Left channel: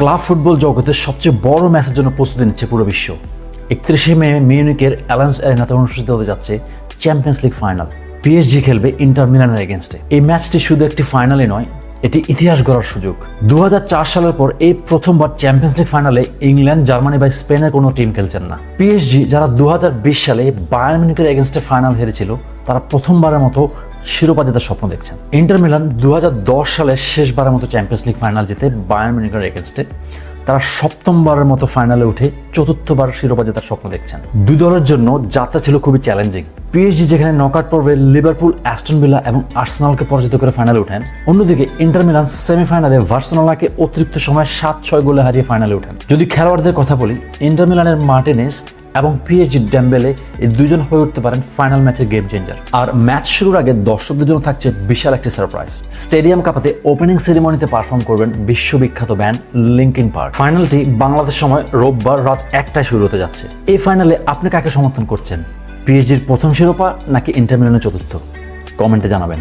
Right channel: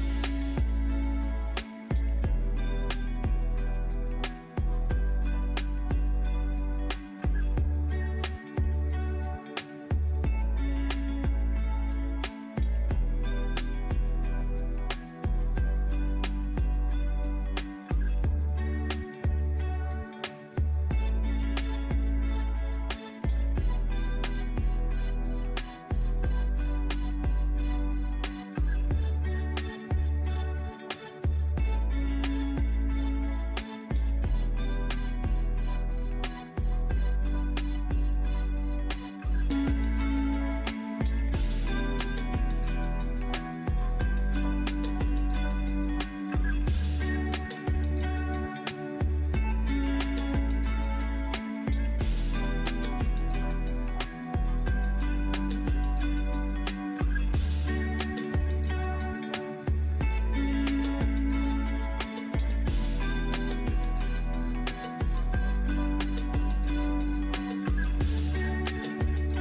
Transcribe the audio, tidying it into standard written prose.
Club football জগতের সবচেয়ে বড় ম্যাচের জন্য প্রস্তুতি নিচ্ছে পুরো বিশ্ব। 31শে মে মিউনিকের অ্যালায়েন্স অ্যারেনাতে অনুষ্ঠিত হতে যাচ্ছে চ্যাম্পিয়ন্স লিগ ফাইনাল। পিএসজি খেলবে ইন্টার মিলানের এগেনস্টে। এই ম্যাচটি শুধু একটি ফাইনালই নয়, এটি ইতিহাস গড়ার সুযোগ। 2004 সালের পর এই প্রথমবার চ্যাম্পিয়ন্স লিগ ফাইনালে ইংল্যান্ড, জার্মানি বা স্পেনের কোনো টিম খেলছেন না। পিএসজি যারা 2020 সালে বায়ার্ন মিউনিকের এগেনস্টে ফাইনাল হেরেছিল, তারা প্রথমবারের মতো শিরোপা জেতার স্বপ্ন দেখছেন। ইন্টার মিলান 2010 সালে শেষবারের মতো চ্যাম্পিয়ন্স লিগ ফাইনাল জিতে বায়ার্ন মিউনিকের এগেনস্টে। তারা সপ্তমবারের মতো ফাইনালে উঠে চতুর্থবার শিরোপা জেতার স্বপ্ন দেখছেন। দুই দলের জন্য যাত্রা ছিল খুবই চ্যালেঞ্জিং। পিএসজি যেখানে নকআউট পর্বে লিভারপুল, অ্যাস্টন ভিলা এবং আর্সেনালকে পরাজিত করে ফাইনালে ওঠেন, অন্যদিকে ইন্টার মিলান সেমিফাইনালে বার্সেলোনাকে অতিরিক্ত সময় 7-6 গোলে হারিয়ে ফাইনালে ওঠেন। যদি খেলোয়াড়দের কথা বলি, ইন্টার মিলানের মার্টিনেজ এবং পিএসজি ডেম্বেলে এই দুজন হয়ে উঠতে পারেন ফাইনাল ম্যাচের গেম চেঞ্জার। আর ম্যাচ শুরুর আগে দর্শকদের জন্য থাকছে বিশাল একটি সারপ্রাইজ। স্টেডিয়াম কাঁপাতে ওপেনিং সেরিমনিতে পারফর্ম করবেন বিশ্ববিখ্যাত ব্যান্ড লিঙ্কিন পার্ক। ফাইনালটি বাংলাদেশ সময় রোববার রাত 1টায় শুরু হতে যাচ্ছে। এই ফাইনালে আপনি কাকে সমর্থন করছেন? পিএসজির প্রথম শিরোপা নাকি ইন্টার মিলানের চতুর্থ? কমেন্টে জানাবেন।